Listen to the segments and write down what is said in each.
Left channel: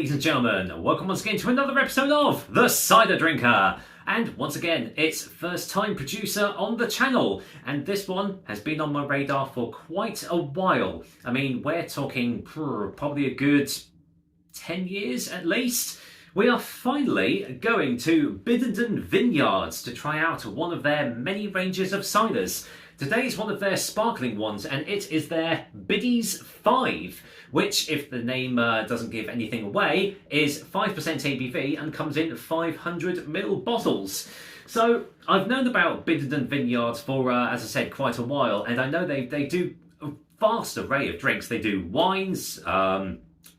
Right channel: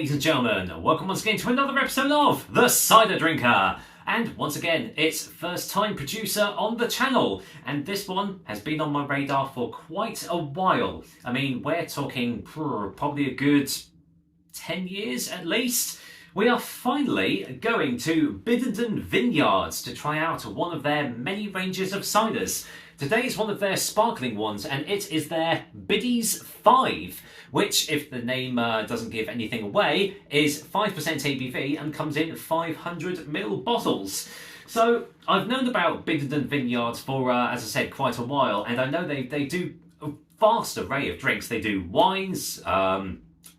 ladies and gentlemen. Welcome once again to another episode of The Cider Drinker. And once again, it's first time producer on the channel. And this one has been on my radar for quite a while. I mean, we're talking probably a good 10 years at least. We are finally going to Biddenden Vineyards to try out one of their many ranges of ciders. Today is one of their sparkling ones, and it is their Biddies 5, which, if the name doesn't give anything away, is 5% ABV and comes in 500ml bottles. So I've known about Biddenden Vineyards for, as I said, quite a while, and I know they do a vast array of drinks. They do wines,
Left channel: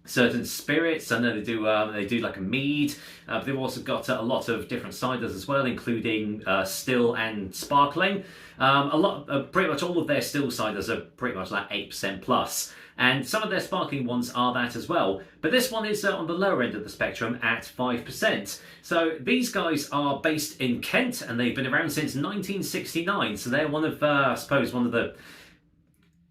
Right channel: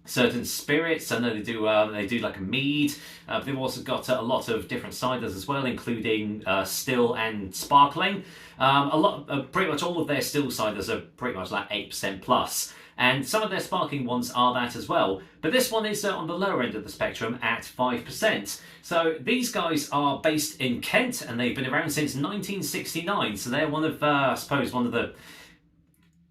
certain spirits. I know they do like a mead. They've also got a lot of different ciders as well, including still and sparkling. Pretty much all of their still ciders are pretty much like 8% plus, and some of their sparkling ones are that as well. But this one is on the lower end of the spectrum at 5%. So these guys are based in Kent, and they've been around since 1969. So they're one of, I suppose, one of the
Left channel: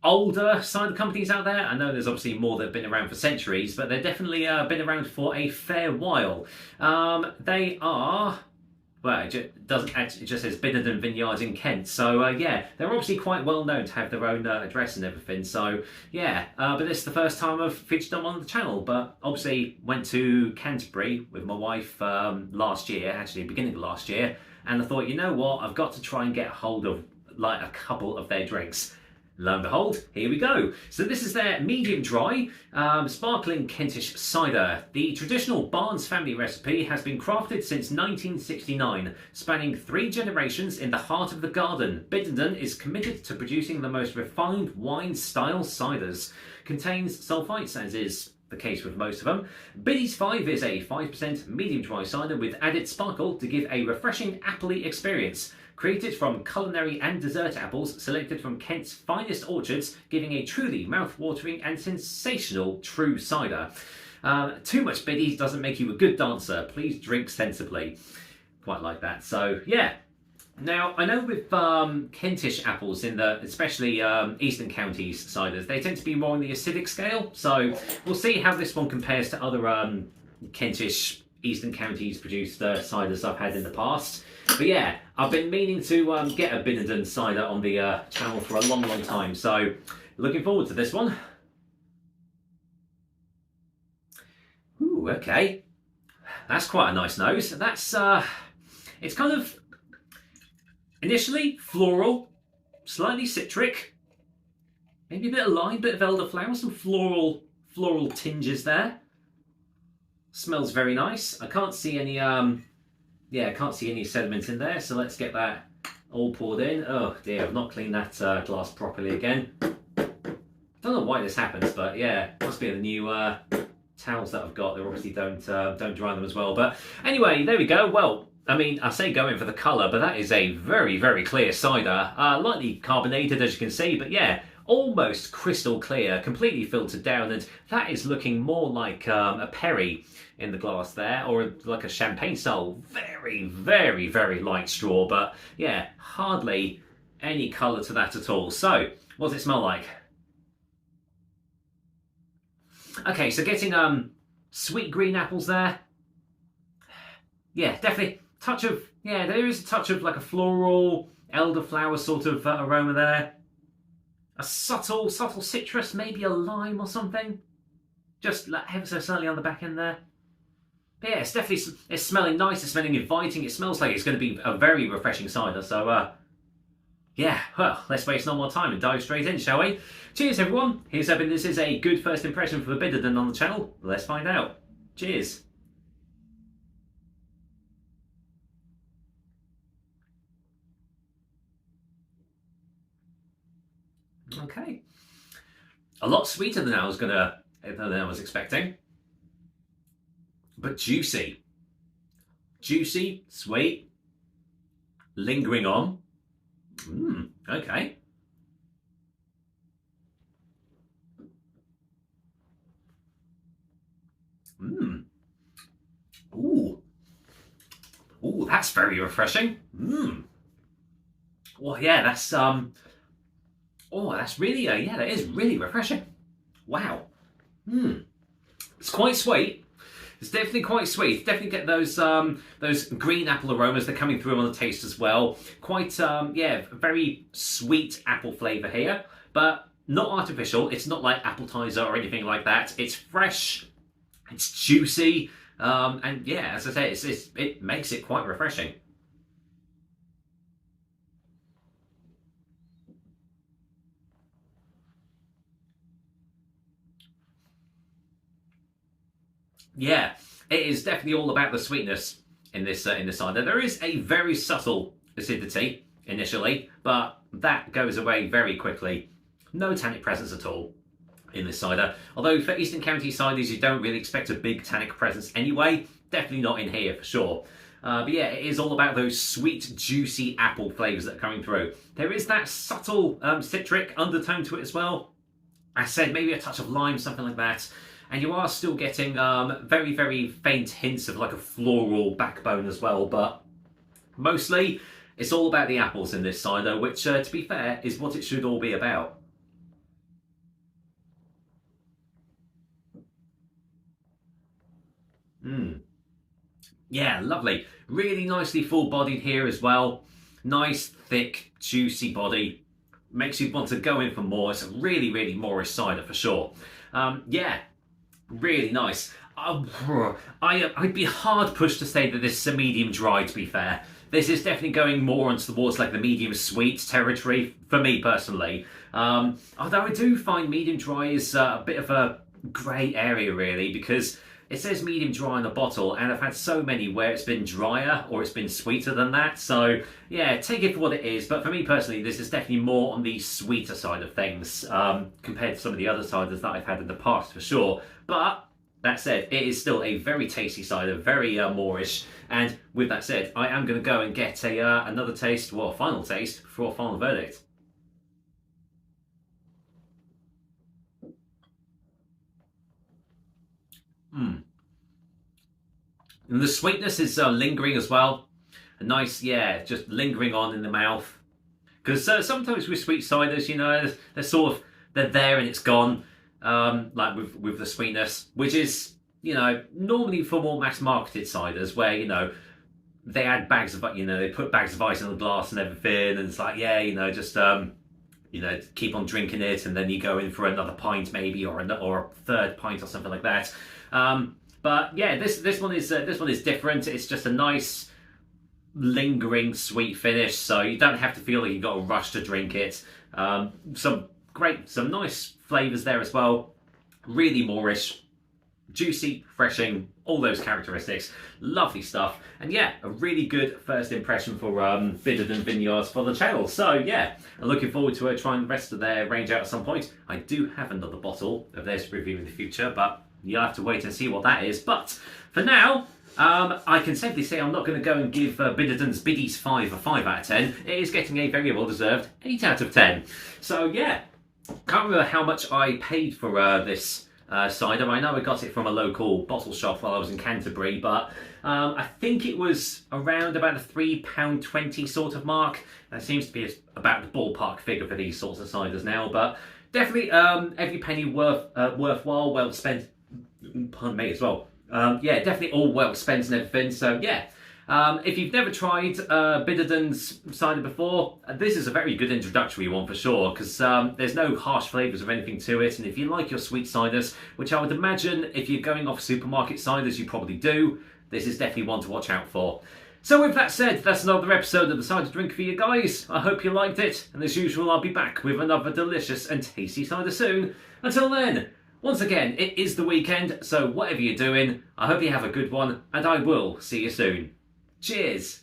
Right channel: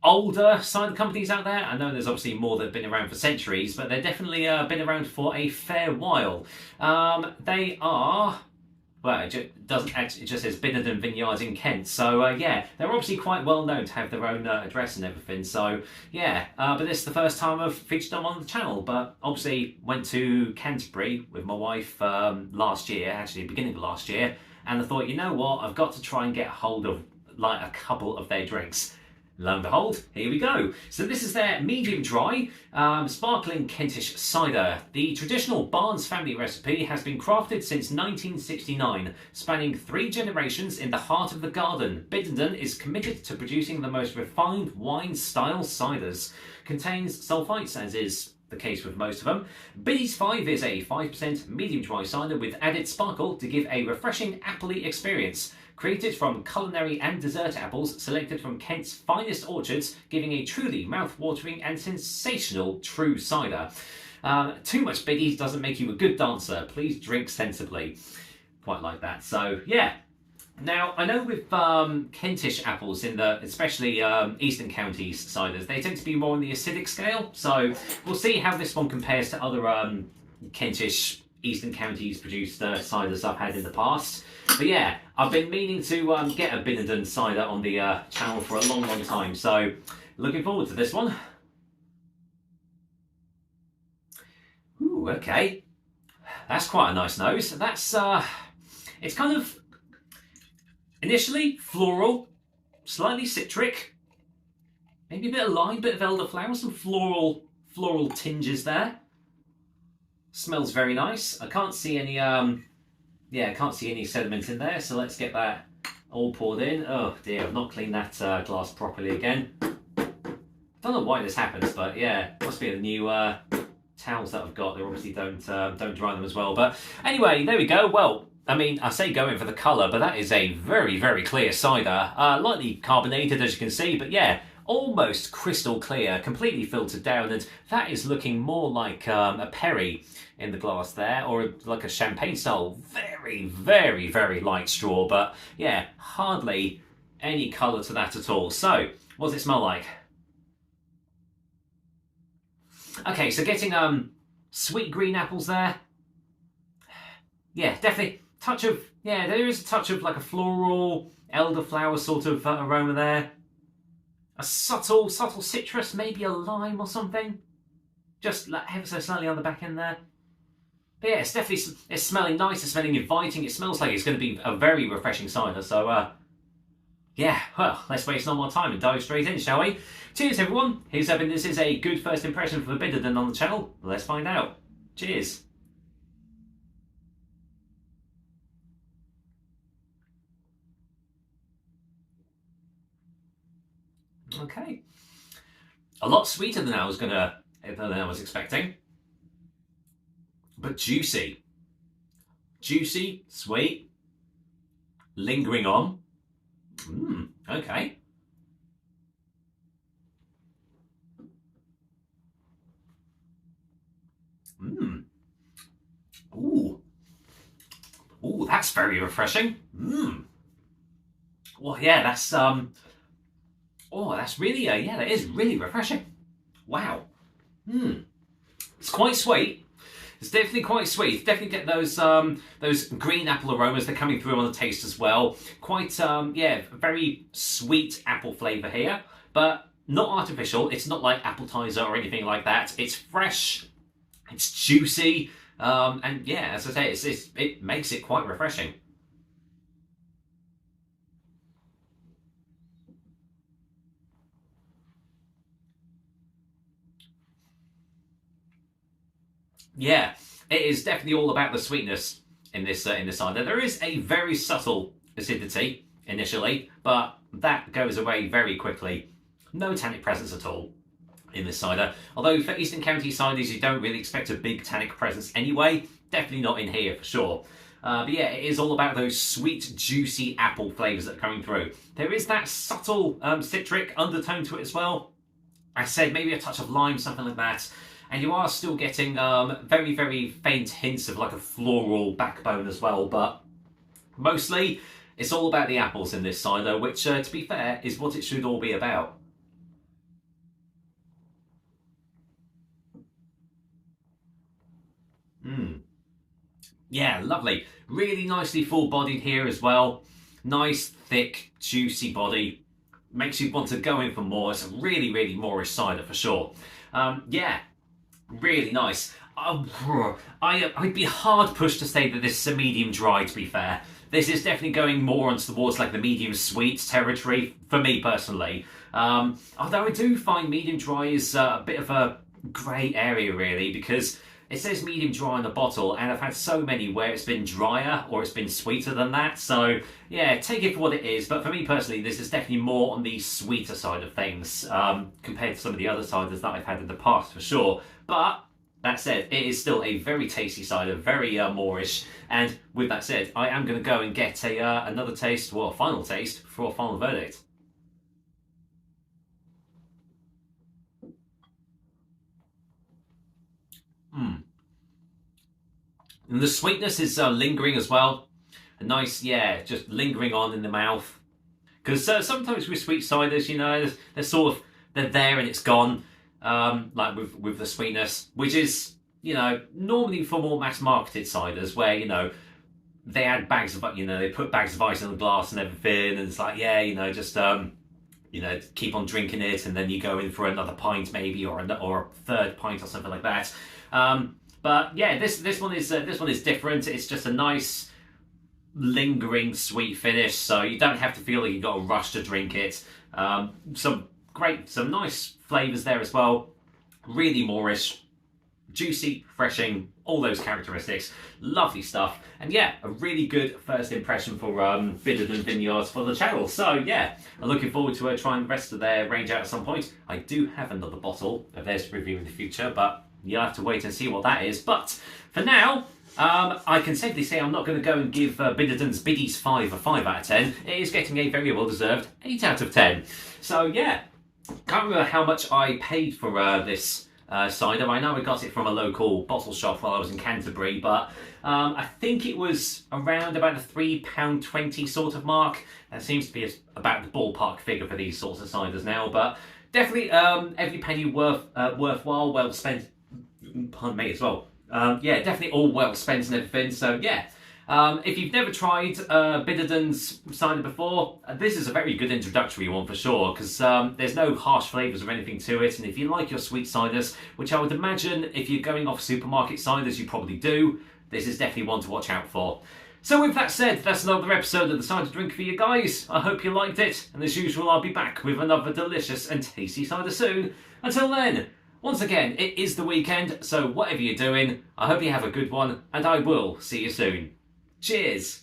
older cider companies out there. I know there's obviously more that have been around for centuries, but they've definitely been around for a fair while. They are, well, it just says Biddenden Vineyards in Kent. So yeah, they're obviously quite well known to have their own address and everything. So yeah, but this is the first time I've featured them on the channel. But obviously went to Canterbury with my wife last year, actually beginning of last year, and I thought, you know what, I've got to try and get a hold of like a couple of their drinks. Lo and behold, here we go. So this is their medium dry, sparkling Kentish cider. The traditional Barnes family recipe has been crafted since 1969, spanning 3 generations in the heart of the garden. Biddenden is committed to producing the most refined wine-style ciders. Contains sulfites, as is the case with most of them. Biddies 5 is a 5% medium dry cider with added sparkle to give a refreshing appley experience. Created from culinary and dessert apples selected from Kent's finest orchards, giving a truly mouth-watering and sensational true cider. Too much Biddies doesn't make you a good dancer. Please drink sensibly. Quite like that. So yeah. Now I know with Kentish apples, especially Eastern Counties ciders, they tend to be more on the acidic scale. So we'll see how this one compares to other Kentish Eastern Counties produced ciders I've had in the past. But yeah, I've been meaning to get a Biddenden cider on the channel for a long time, so looking forward to this one. Ooh, okay. That's quite a nice nose. That's, it's kind of initially floral, slightly citric, maybe a bit of lime, bit of elderflower, some floral tinges there. Smells very nice. I can't see any I can't see any sediment in there, so let's get that all poured in. Oh dear, I've not cleaned that glass properly again. Don't know why this happens, but yeah, must be the new towels that I've got. They obviously don't dry them as well. But anyway, there we go. Well, I mean, I say go in for the colour, but that is a very clear cider. Lightly carbonated, as you can see, but yeah, almost crystal clear, completely filtered down, and that is looking more like a Perry in the glass there, or like a champagne style. Very light straw, but yeah, hardly any colour to that at all. So, what does it smell like? Okay, so getting sweet green apples there. Yeah, definitely touch of, yeah, there is a touch of like a floral elderflower sort of aroma there. A subtle citrus, maybe a lime or something. Just like ever so slightly on the back end there. But yeah, it's definitely, it's smelling nice, it's smelling inviting. It smells like it's going to be a very refreshing cider. So yeah, well, let's waste no more time and dive straight in, shall we? Cheers everyone. Here's hoping this is a good first impression for Biddenden on the channel. Let's find out. Cheers. Okay, a lot sweeter than I was expecting, but juicy, sweet, lingering on. Okay. Ooh, that's very refreshing. Well, yeah, that's oh, that's really, yeah, that is really refreshing. Wow. It's quite sweet. It's definitely quite sweet. Definitely get those green apple aromas. They're coming through on the taste as well. Quite yeah, very sweet apple flavour here, but not artificial. It's not like appetizer or anything like that. It's fresh. It's juicy, and yeah, as I say, it makes it quite refreshing. Yeah, it is definitely all about the sweetness in this cider. There is a very subtle acidity initially, but that goes away very quickly. No tannic presence at all in this cider. Although for Eastern County ciders, you don't really expect a big tannic presence anyway. Definitely not in here for sure. But yeah, it is all about those sweet, juicy apple flavours that are coming through. There is that subtle citric undertone to it as well. I said maybe a touch of lime, something like that. And you are still getting very, very faint hints of like a floral backbone as well. But mostly, it's all about the apples in this cider, which, to be fair, is what it should all be about. Mmm. Yeah, lovely. Really nicely full-bodied here as well. Nice, thick, juicy body. Makes you want to go in for more. It's a really, really Moorish cider for sure. Yeah, really nice. I'd be hard pushed to say that this is a medium dry, to be fair. This is definitely going more on towards like the medium sweet territory for me personally. Although I do find medium dry is a bit of a grey area really, because it says medium dry in the bottle, and I've had so many where it's been drier or it's been sweeter than that. So yeah, take it for what it is. But for me personally, this is definitely more on the sweeter side of things compared to some of the other ciders that I've had in the past for sure. But that said, it is still a very tasty cider, very Moorish. And with that said, I am going to go and get another taste, well, a final taste for a final verdict. Mm. And the sweetness is lingering as well. A nice, yeah, just lingering on in the mouth. Because sometimes with sweet ciders, you know, they're sort of, they're there and it's gone. Like with the sweetness, which is, you know, normally for more mass marketed ciders where, you know, they add bags of, you know, they put bags of ice in the glass and everything, and it's like, yeah, you know, just you know, keep on drinking it, and then you go in for another pint maybe, or a third pint or something like that. But yeah, this one is different. It's just a nice lingering sweet finish, so you don't have to feel like you've got a rush to drink it. Some nice flavours there as well. Really Moorish, juicy, refreshing, all those characteristics. Lovely stuff. And yeah, a really good first impression for Biddenden Vineyards for the channel. So yeah, I'm looking forward to trying the rest of their range out at some point. I do have another bottle of theirs to review in the future, but you'll have to wait and see what that is. But for now, I can safely say I'm not going to go and give Biddenden's Biddies 5 a 5 out of 10. It is getting a very well-deserved 8 out of 10. So yeah, can't remember how much I paid for this cider. I know I got it from a local bottle shop while I was in Canterbury, but I think it was around about the £3.20 sort of mark. That seems to be about the ballpark figure for these sorts of ciders now, but definitely every penny worthwhile, well spent. Pardon me as well. Yeah, definitely all well spent and everything. So yeah, if you've never tried Biddenden's cider before, this is a very good introductory one for sure, because there's no harsh flavours or anything to it. And if you like your sweet ciders, which I would imagine if you're going off supermarket ciders, you probably do, this is definitely one to watch out for. So with that said, that's another episode of the Cider Drink for you guys. I hope you liked it, and as usual, I'll be back with another delicious and tasty cider soon. Until then, once again, it is the weekend, so whatever you're doing, I hope you have a good one, and I will see you soon. Cheers!